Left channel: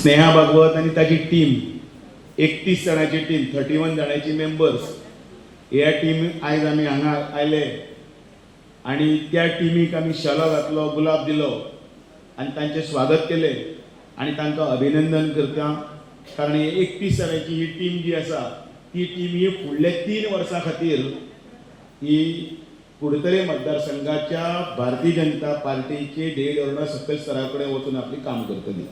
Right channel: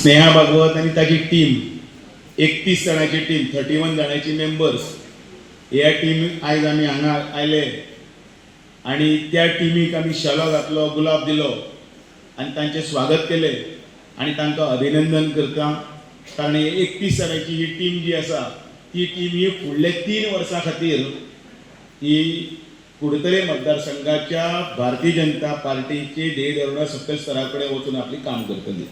स्नेहा भागवत आणि ताची टीम 31 जणांची टीम 31 जणांची मेंबर्स ह्या टीम आयज आमी हांगा आयले आणि त्या टीमीक आमी शेलो घातलो गुलाब दिलो आणि तांचे स्वागत केले आणि तांकां अभिनंदन करता कारण 31 जणांची ही टीम जी आसा ती टीम ही फुडले 3 वर्सां खातीर ही कुडतरे मतदारसंघाच्या भारतीय जनता पार्टीचे ध्येयधोरणा सकयल स्तरा कडेन वचून आपली काम करतली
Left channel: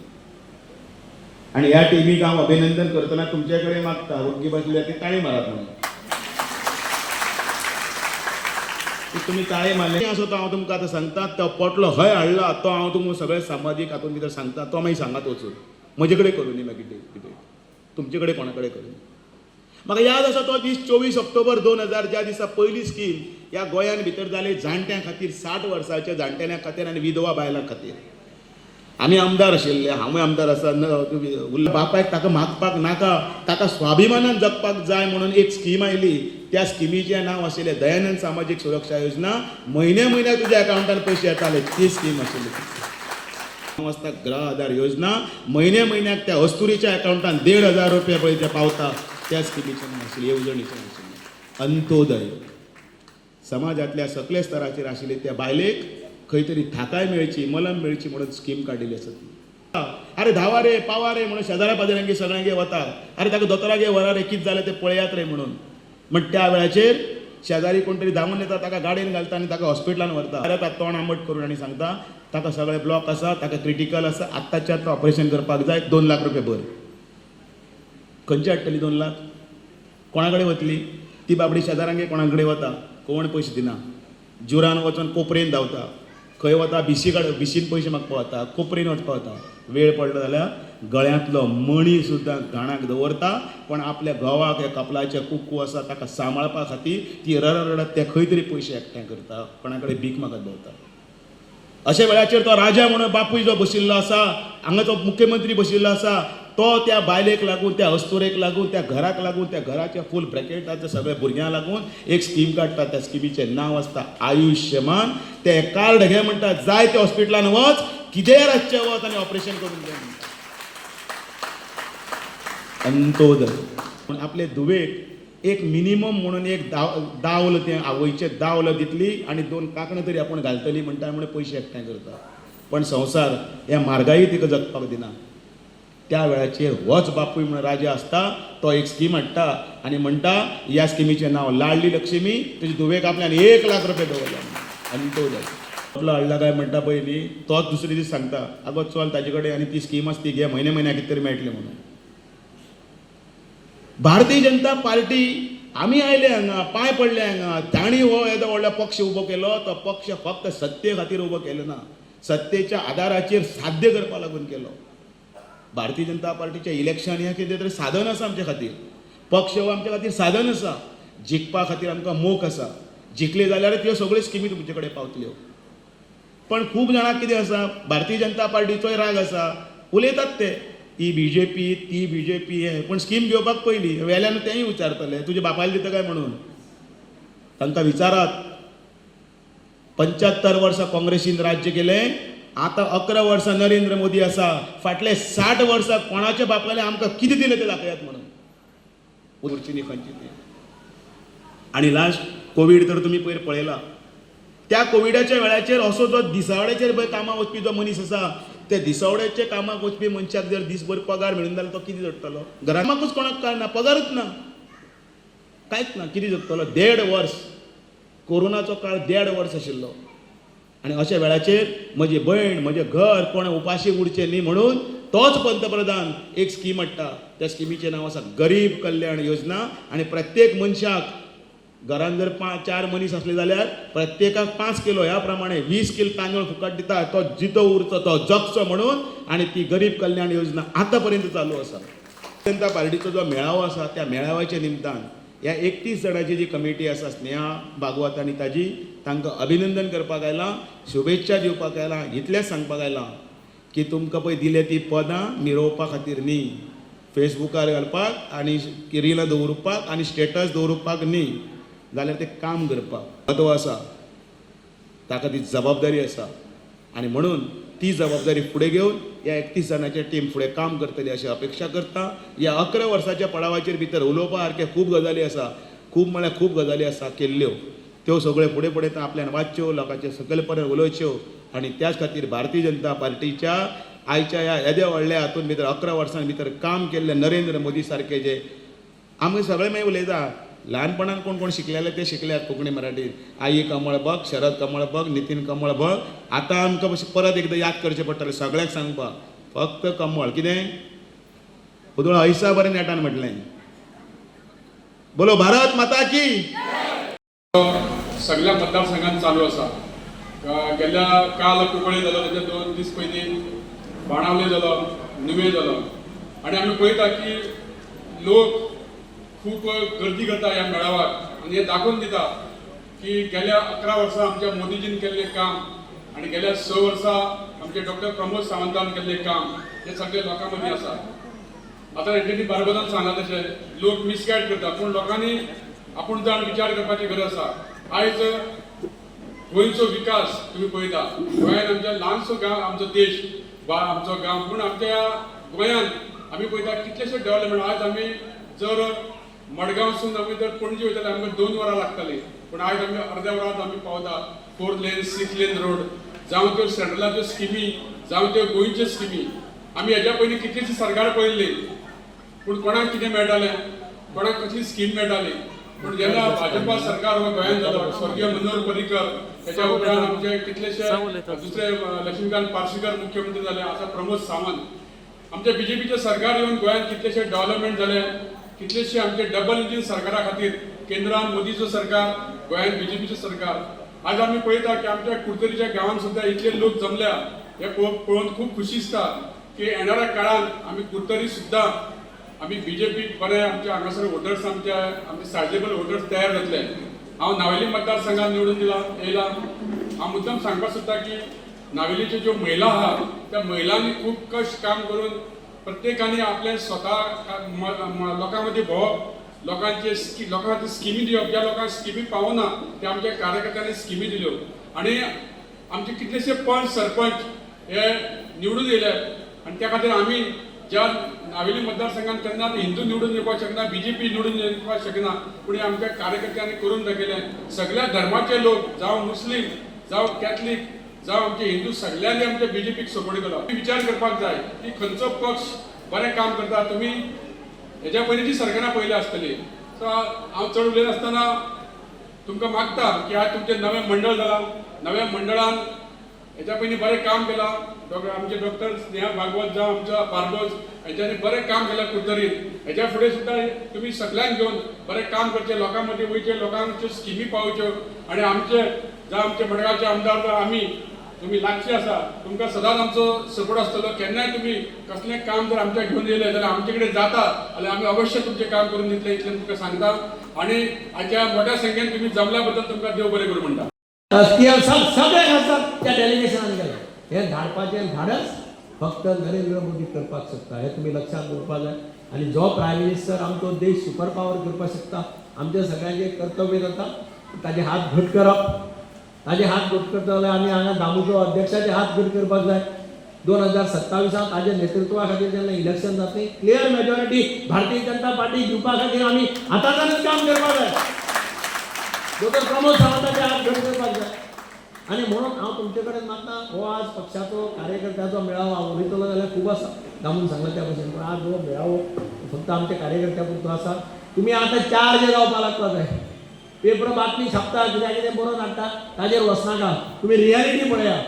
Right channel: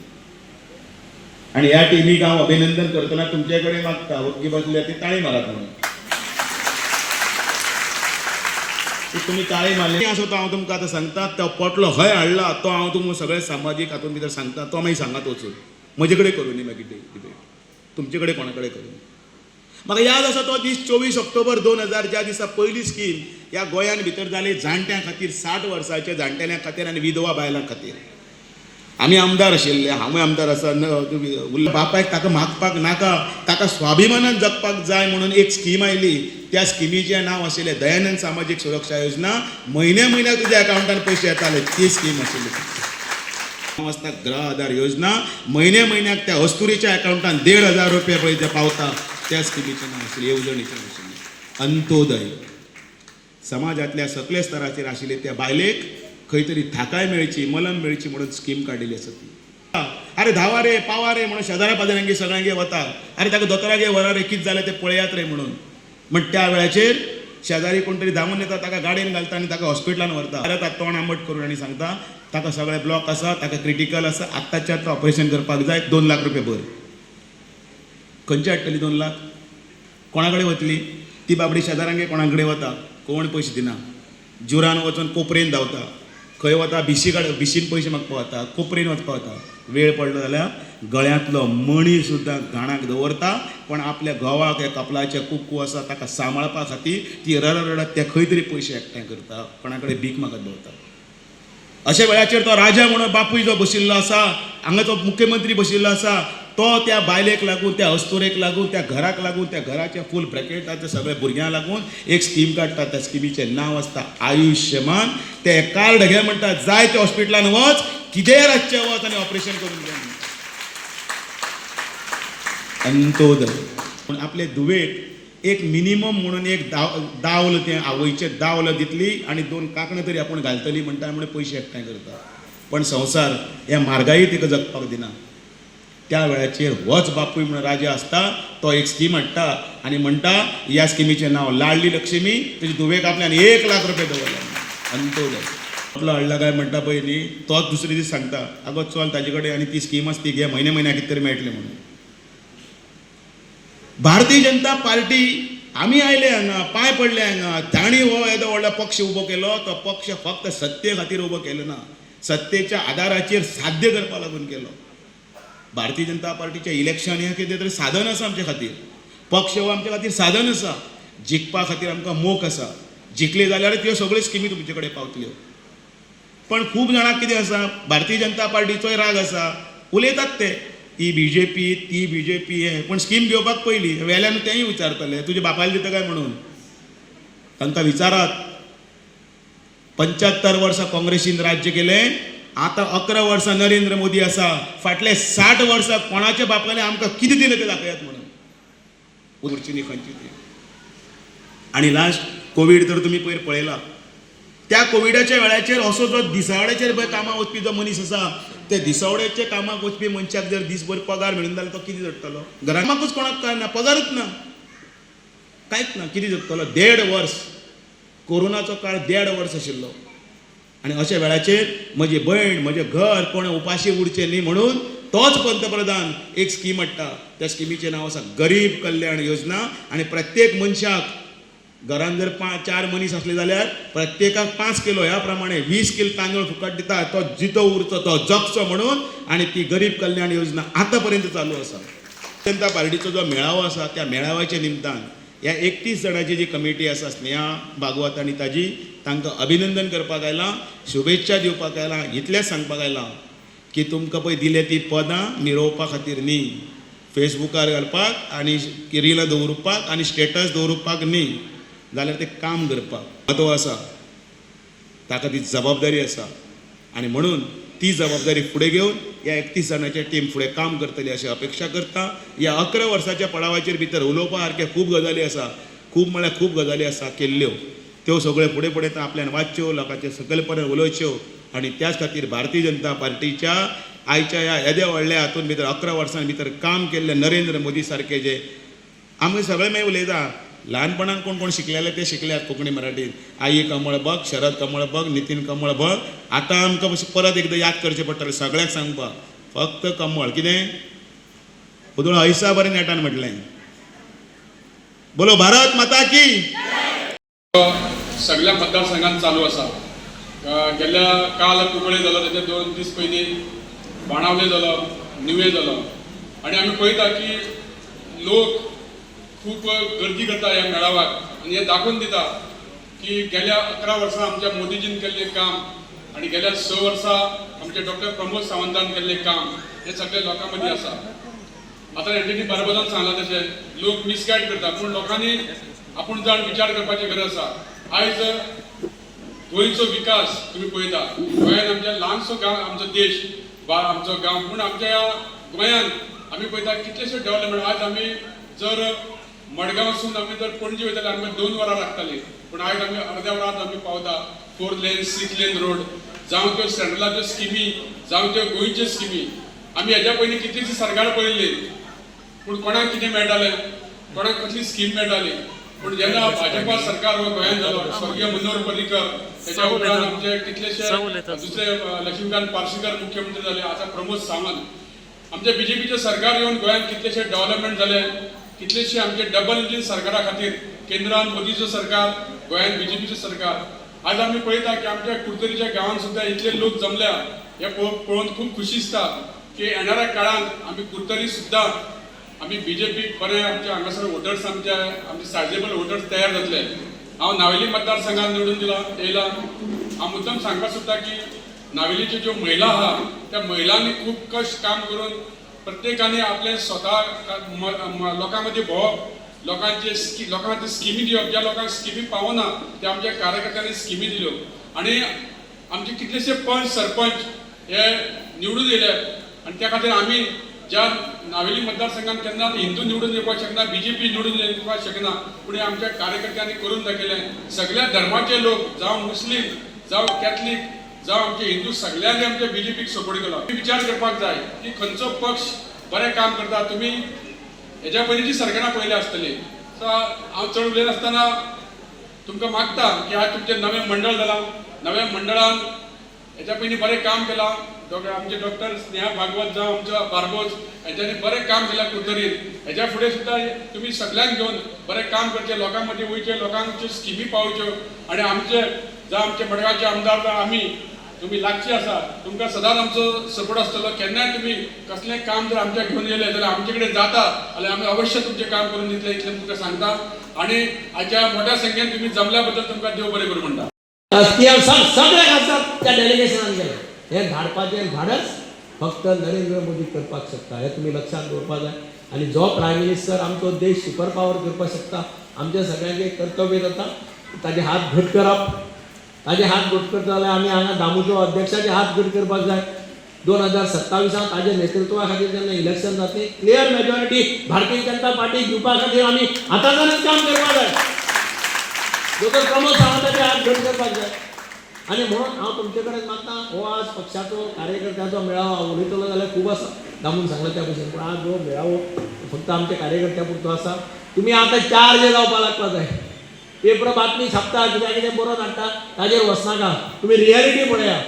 आणि ह्या टीमीक हांव अभिनंदन करतना तुमचे कडेन मागता वरगी बसले ती ताळी मारात म्हणून तुम्ही ताळी मारले असो तो हांव तुमकां आतां सांगता तो पोटलो हय हाडला तो हांव तुमकां सगळे सामाजीक हातूंत भितर सांगता तो मागीर सांगात वचून म्हजे कडेन करूं न्ही मागीर कितें तुमचे कडेन कोणा कडेन करूं म्हाका याद आसा तो दीस 24 ऑक्टोबर 2000 ज्या दिसा पयली स्कीम ह्या गोंयान भितर जाली जाणट्यां खातीर 60 वर्सांच्या जाणटेल्यां खातीर आनी विधवा बायलां खातीर आमी आमदार आशिल्ले हांवूय आमदार आसा बापायक ताका मागपाक नाका ताका स्वाभिमानान जगपाक जाय म्हणून एक स्कीम आयली त्या स्किमीचें नांव आशिल्लें दयानंद सामाजीक सुरक्षा योजना म्हयन्याक तुज्या अकावंटान पयशे येताले ती स्कीम आशिल्ली वाजता गृह आधार योजना म्हयन्याक त्या अस्तुरीच्या अकावंटान 1,500 रुपया पळय ते पावता त्या स्किमीचें नांव आशिल्लें येवजणेचें आशिल्लें अंत्योदय समाजातल्या सकले स्तराचेर आशिल्ले त्या बायलेक खंय तरी थाकाय मेळची मलम मेळची म्हणून स्कीम काडिल्ली आसा ती अरे धावा रे पावा रे म्हणून शेजाऱ्या पाजाऱ्यांगे सगळ्यांगे वता अरे ताका दोतोरागे व्हरा रे कितें जालें तें पळयात रे म्हणून त्या वेळाचेर शेजारी कोण तरी धांवून येता ताका गाडयेन घालता आनी ताका हॉस्पिटलान व्हरता अरे ताका तोंड आंबट करून आनी सांगता ताका सगळे ब्लॉक आसा ताका क्रिटिकल आसा आत्ताच्या आतां ऑपरेशन करपाक जाय 2 लाख रुपया भर खंयची हाडटली 2 लाख कोणा कडेन वतली ती बाबडी शेजाऱ्यांगे कोणा कडेन वता कोण पयशे दिना जुरान वचून कोपरेन धांवता खंय वता बिशीन पयशे मागपाक वता कोपरेन वचपाक वता वेळ पडलो जाल्यार गळ्यांतलो मणी सुद्दां घाणाक दवरता पण आपल्या घोवाक हे कपलाचे कुकू आसा ताका सांबाळपा खातीर ती रडत ते खंय तरी पयशे एकठांय करता कोणा कडेन भीक मागत भोंवता अशा वेळाचेर तो राजा म्हणून बापूय जो बशिल्लो आसा हांगा तो मुख्यमंत्री बशिल्लो आसा तो त्या बायलेक लागून त्या अस्तुरेक लागून त्या घराक लागून त्या घराच्या फूल ब्रॅकेटाच्या सगळ्या भुरग्यांक लागून एक स्कीम काडटा त्या स्किमीचें नांव आसता आयुश्यमान ते कार्ड घे म्हणटा जाय त्या हॉस्पिटलान वच कितेंय रातचें वच आनी ऑपरेशन करून घे अंत्योदय आपले धुवेक एक मिनिमम म्हणून एक दावल तें आवयचें दावल दितली आनी 2 कांकणां तरी आपूण घालतली म्हणटा म्हणून पयशे एकठांय करता पण संवसार ह्या म्हारगाई तिका जगपाक दिना त्या वेळाचेर होच बापूय म्हणून राजा आसता तो एक स्कीम हाडटा आनी म्हणटा ह्या स्किमीचें नांव लाडली लक्ष्मी तेजी धुवेक आपल्यान 1 लाख रुपया दवरला अंत्योदय आपलो हाडला काय म्हणटा पळय न्ही तोच दुसरे दीस सांगता आगो चल ताजे कडेन आनी ती स्कीम आसा ती घे म्हयन्याक कितें तरी मेळटलें म्हणून भारतीय जनता पार्टी आमी आयले हांगा पांय पडले हांगा तांणी हो येदो व्हडलो पक्ष उबो केलो तो पक्ष फक्त सत्ते खातीर उबो केलो ना सत्तेच्या आदाराचेर साध्य करपा लागून केलो भारतीय जनता पार्टीचे इलेक्शन हे कितें तरी साधन आसा आमचे खातीर पक्ष हो आमचे खातीर साधन आसा जिखपा खातीर आमकां मोख आसा जिखले जाल्यार त्यो सगळ्यो स्किमी तुमचे कडेन पावतल्यो पण खूब जाणांक कितें आसा भारतीय जनता पार्टीचोय राग आसा उलयतात ते ही बीजेपी ती बीजेपी हे पण स्कीम घेवपाक पयली वेल्यान तेंय विचारतले तुजे बापायला दिता काय म्हणून तांकां विचारात 75 वर्सां काँग्रेसीन राज्य केलें आता 11 वर्सां नरेंद्र मोदी आसा फाटले 60 वर्सां कोणाच्या बापायले आमकां कितें दिलें तें दाखयात म्हणून उरची खंयची ती आनी लास्ट कोवीड तर तुमी पयर पळयला त्या कोविडाच्या वेळाचेर असो जो दिसावड्याचेर पळय कामाक वचपी जो मनीस आसा त्या दिसावड्याच्या कामाक वचपी मनशाक जर दिसभर पगार मेळून जाल्यार तो कितें जगतलो घरामाकूच कोणाक काय ना पगारच ना कांयच ना कितें जगतलो 1.5 वर्स कोरोनाचो काळ 1.5 वर्स आशिल्लो आनी अशा वेळाचेर म्हजी भयण म्हजें घर कोण उपाशी उरचें न्ही म्हणून तोच पंतप्रधान एक स्कीम हाडटा त्या स्किमीचें नांव आसा गरीब कल्याण योजना आनी प्रत्येक मनशाक घरान जर 4 मनीस असले जाल्यार प्रत्येकाक 5 किलो ह्या प्रमाणे 20 किलो तांदूळ फुकट दिता तो जितो उरचो तो जगचो म्हणून आनी ती गरीब कल्याण योजना आतां पर्यंत चालू आसा जनता पार्टीचो जो मेळावो आसा त्या मेळाव्याच्या निमतान ह्या 31 जणांची जी कमिटी आसा स्नेहा भागवत आनी ताजी तांकां अभिनंदन करपाक आयलां शुभेच्छा दिवपाक आयलां इतलेंच सांगपाक आयलां की तुमकां पळय दिलें ती पदां मिरोवपा खातीर न्ही फेसबुकार घालपाक आनी रिलां दवरपाक आनी स्टेटस दवरपाक न्ही जाल्यार तें काम करपाक म्हत्व आसा ताका ती जबाबदारी आसा आनी म्हणून ती जबाबदारी फुडें घेवन ह्या 31 जाणांची टीम फुडें काम करतली अशी अपेक्षा करता. ह्या 11 वर्साच्या पडावाचेर भितर उलोवपा सारके खूब गजाली आसा, खूब म्हळ्यार खूब गजाली आसा केल्ल्यो. त्यो सगळ्यो फुडें फुडें आपल्यान वाचच्यो, लोकांचे सकयलपणान उलोवच्यो आनी त्याच खातीर भारतीय जनता पार्टीच्या आयच्या ह्या येद्या व्हडल्या हातून भितर 11 वर्सां भितर काम केल्ले नरेंद्र मोदी सारके जे आमी सगळे मागीर उलयता, ल्हानपणान कोण कोण शिकलेले ते शिकल्यात कोंकणी मराठीन. आई कमळ बघ, शरद कमळ बघ, नितीन कमळ बघ. आतां आमकां परत एकदां याद करचें पडटलें सगळ्याक सांगपाक, फक्त कमळ. कितें उदळ ऐसा बरें नेटान म्हटलें. बोलो भारत माता की. सगळ्या मतदारसंघात चालू आसा. गेल्या काल कुंकळे जालो, ताचे 2 दीस पयलीं बाणावले जालो, निवे जालो आनी आमी पळयता की लोक खूब गर्दी करता ह्या मेळाव्याक आनी हे दाखोवन दिता की गेल्या 11 वर्सां आमच्या मोदीजीन केल्लें काम आनी गेल्या 6 वर्सां आमचे डॉक्टर प्रमोद सावंतान केल्लें काम हे सगळे लोकां मदीं आसा. आतां हेंच्यांनी बरोबरान सांगलां तशें लोक मिसगायड करता, पूण लोकांनी आपूण जाण विचार करपाची गरज आसा. आयज गोंयचो विकास तुम्ही पळयता, गोंयांत आमच्या ल्हानसो गांव आमचो देश आमचो गांव, पूण आमच्या गोंयांत आमी पळयता कितलेशे डेव्हलपमेंट. आज आमी जर मडगांवसून आमी जर पणजी वयता जाल्यार आमकां 2 वरां लागतालीं, पूण आयज आमी अर्द्या वरांत आमी पावता. 4 लेन 6 लेन रोड जावं त्यो सेंट्रलाच्यो स्किमी जावं त्यो गोंयच्यो स्किमी. आमी हेज्या पयलीं कितलींशीं सरकार पळयल्ली, पूण कोणाक कितें मेळटालें, कोणाक कसली स्कीम मेळटाली. पूण जेन्ना भाजपा सरकार हो गोंयांत जालो, स्वर्गीय मनोहर पर्रीकर, त्याच्या उपरांत आमचे कितलेशे दुसरे लक्ष्मीकांत पार्सेकर मुख्यमंत्री जाले, आतां प्रमोद सावंत. आमचे बीजेपीचे सरकार येवन गोंयांत कितलेशे डेव्हलपमेंट जाले, कितलेशे आमचे डबल इंजीन सरकारा खातीर केंद्रान मोदीचो सरकार, गोंयांत बीजेपीचें सरकार. आज आमी पळयता की आमच्या कुडतरीच्या गांवांत सुद्दां इतले लोक जमल्या. हे पळोवन खूब खुशी दिसता की येणाऱ्या काळांत आमी कुडतरी सुद्दां आमी बीजेपी बरे आमचे हांगासर वोटर्स आमचे सायजेबल वोटर्स तयार जातले. हांव नावेली मतदारसंघात निवडून येयला. हांव मुद्दम सांगपाक सोदता की नावेलीच्यो ज्यो महिला आहात त्या महिलांनी खूब कश्ट काम करून प्रत्येकाने आपले स्वता लोकां मदीं भोंवप, लोकां खातीर स्किमी दिवप. ज्या लोकांक स्किमी पावना त्या आमच्या कार्यकर्त्यांनी स्किमी दिल्यो आनी आमचे कितलेशे पंच सरपंच हे निवडून येयले आनी त्या खातीर आमी ज्या नावेली मतदारसंघात केन्ना हिंदू निवडून येवपाक शकना, बीजेपी निवडून येवपाक शकना, पूण आमच्या कार्यकर्त्यांनी करून दाखयलें. सगळ्या धर्माचे लोक जावं मुस्लीम जावं कॅथलीक जावं आमचे हिंदू सगळ्यांनी आमच्या बीजेपीक सपोर्ट केलो. विचार करपाक जाय की खंयचो पक्ष बरें काम करता. तुमी हेज्या पयलींची सरकारां पयली आसतली. सो हांव चड उलयनासतना आसतना तुमकां मागता की आज तुमचें नवें मंडळ जालां, नव्या मंडळान हेच्या पयलीं बरें काम केलां. आमचे डॉक्टर स्नेहा भागवत जावं आमच्या बार्बोज हेंच्यांनी बरें काम केलां कुडतरीत. हेच्या फुडें सुद्दां तुमी सगळ्यांक घेवन बरें काम करचें, लोकां मदीं वयचें, लोकांच्यो स्किमी पावोवच्यो आनी आमचे जावं आमचे मडगांवचे आमदार आमी तुमी लागची आसा. तुमकां सदांच आमचो सपोर्ट आसतलो. केन्नाय तुमी कसलें काम जर आमच्या घेवन येयलें जाल्यार आमचे कडेन जाता जाल्यार आमी अवश्य तुमचें काम करून दितले, इतलें तुमकां सांगता. आनी हाच्या मोठ्या संख्येन तुमी जमल्या बद्दल तुमकां देव बरें करूं म्हणटा. सगळे खासदार त्या डेलिगेशनान गेले. हे धाडपाचें धाडस फक्त नरेंद्र मोदी करपाक शकता, हे तुमी लक्षात दवरपाक जाय. आनी जो प्रायम मिनिस्टर आमचो देश सुपर पावर करपाक शकता, आमच्या सगळ्यांचे कर्तव्य जाता ताजे हात घट करप. ताजे हात घट करता जाल्यार आमी हांगा दामूचो अध्यक्षाचे हात घट करपाक जाय. 2027 ताजे नेतृत्वा खातीर जेन्ना इलेक्शन जातलें, clear majority Bharatiya Janata party दिवपा खातीर आमी आतांच्यानच काम करपाक जाय. डॉक्टर प्रमोद सावंताचे हात घट करपाक जाय. आनी म्हणून हांव तुमचे कडेन मागता, हो आज पक्षाचो कार्यकर्त्याचो मेळावो उलयतलो जाल्यार खूब आसा दामून सांगल्या भशेन, पूण आज हो मेळावो फक्त आमच्या कार्यकर्त्या पुरतो आसा. तुमी आतां 4 जे जावपाक लागपा जाय. पेपर बातमी छापता, कित्याक कितें बरोवन हाडटा ताजेर वचनाका. तुमी रियलिटी पळया.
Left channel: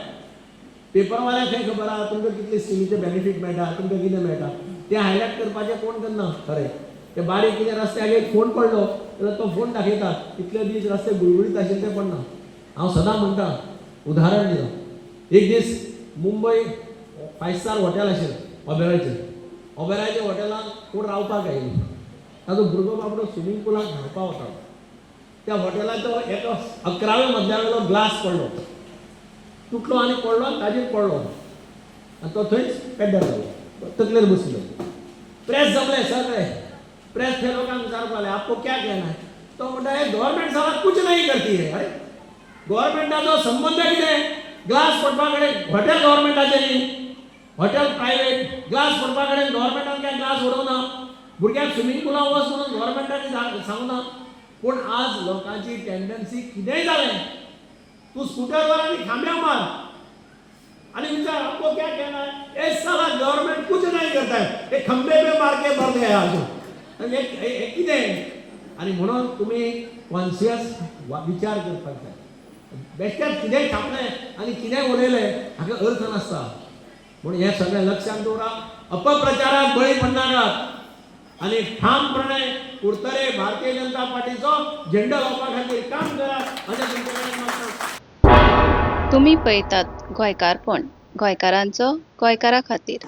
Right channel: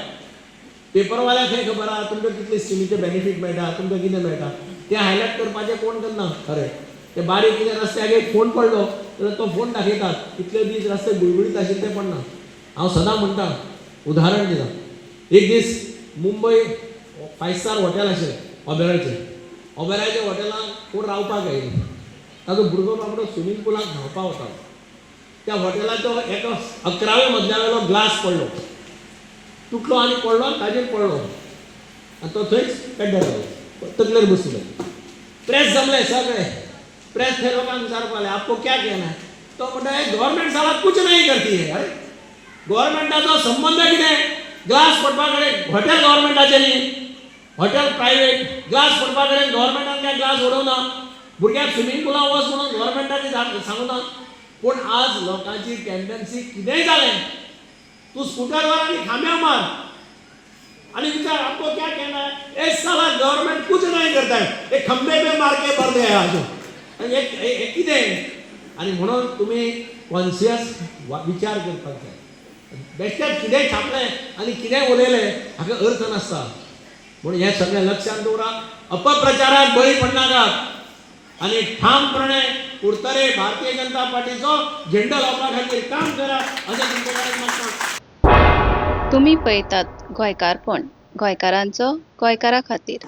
पेपरवाल्याक हें खबर आहा तुमकां कितले स्किमीचे बेनिफीट मेळटा, तुमकां कितें मेळटा, तें हायलायट करपाचें कोण करना. खरें ते बारीक कितें रस्त्याक एक फोन पडलो जाल्यार तो फोन दाखयतात. इतले दीस रस्ते गुळगुळीत आशिल्ले तें पडना. हांव सदां म्हणटा, उदाहरण दिता. एक दीस मुंबय 5 स्टार हॉटेल आशिल्लें ओबेरायच्या हॉटेलांत कोण रावपाक आयिल्लो. ताजो भुरगो बाबडो स्विमींग पूलाक न्हांवपाक वता. त्या हॉटेलाचो एका 11व्या मजल्यावेलो ग्लास पडलो, तुटलो आनी पडलो, ताजेर पडलो आनी तो थंयच पेड्ड्यार जालो, तकलेर बसलो. प्रेस जमले सगळे. प्रेस थे लोकांक विचारपाक लागले, आपको क्या कहना है? तो म्हणटा, गव्हर्नमेंट साला कुछ नहीं करती है. गव्हर्नमेंटाचो संबंध कितें? ग्लास पडपा कडेन हॉटेल गव्हर्नमेंटाचें न्ही. हॉटेल प्रायव्हेट ग्लास पडपा कडेन गव्हर्मेंटान काय ग्लास उडोवना भुरग्यांक स्विमींग पुलां वच म्हणून गव्हर्मेंटाने सांगना पूण आज लोकांची टेंडन्सी कितेंय जालें तूं स्कूटर वर आनी खांब्या मार आणि विचार आपको क्या कहना है इस साला गवर्नमेंट कुछ नहीं करता है एक खंबे पे मार के भर दिया अजून एक कितें आणि म्हणून तुम्ही कॉन्शियस विचार करपाक जाय बेश्टेच कितें छापलें आनी कितें उलयलें हाका अर्थ नासता म्हणून हें सगळें लक्षात दवरा अपप्रचाराक बळी पडनाकात आणि ठामपणे उरतले भारतीय जनता पार्टीचो झेंडो लावपा खातीर काम करा अशें तुमचे कडेन मागता तुम्ही पळयतात गोंयकारपण गोंयकारांचो गोंयकारा खातीर.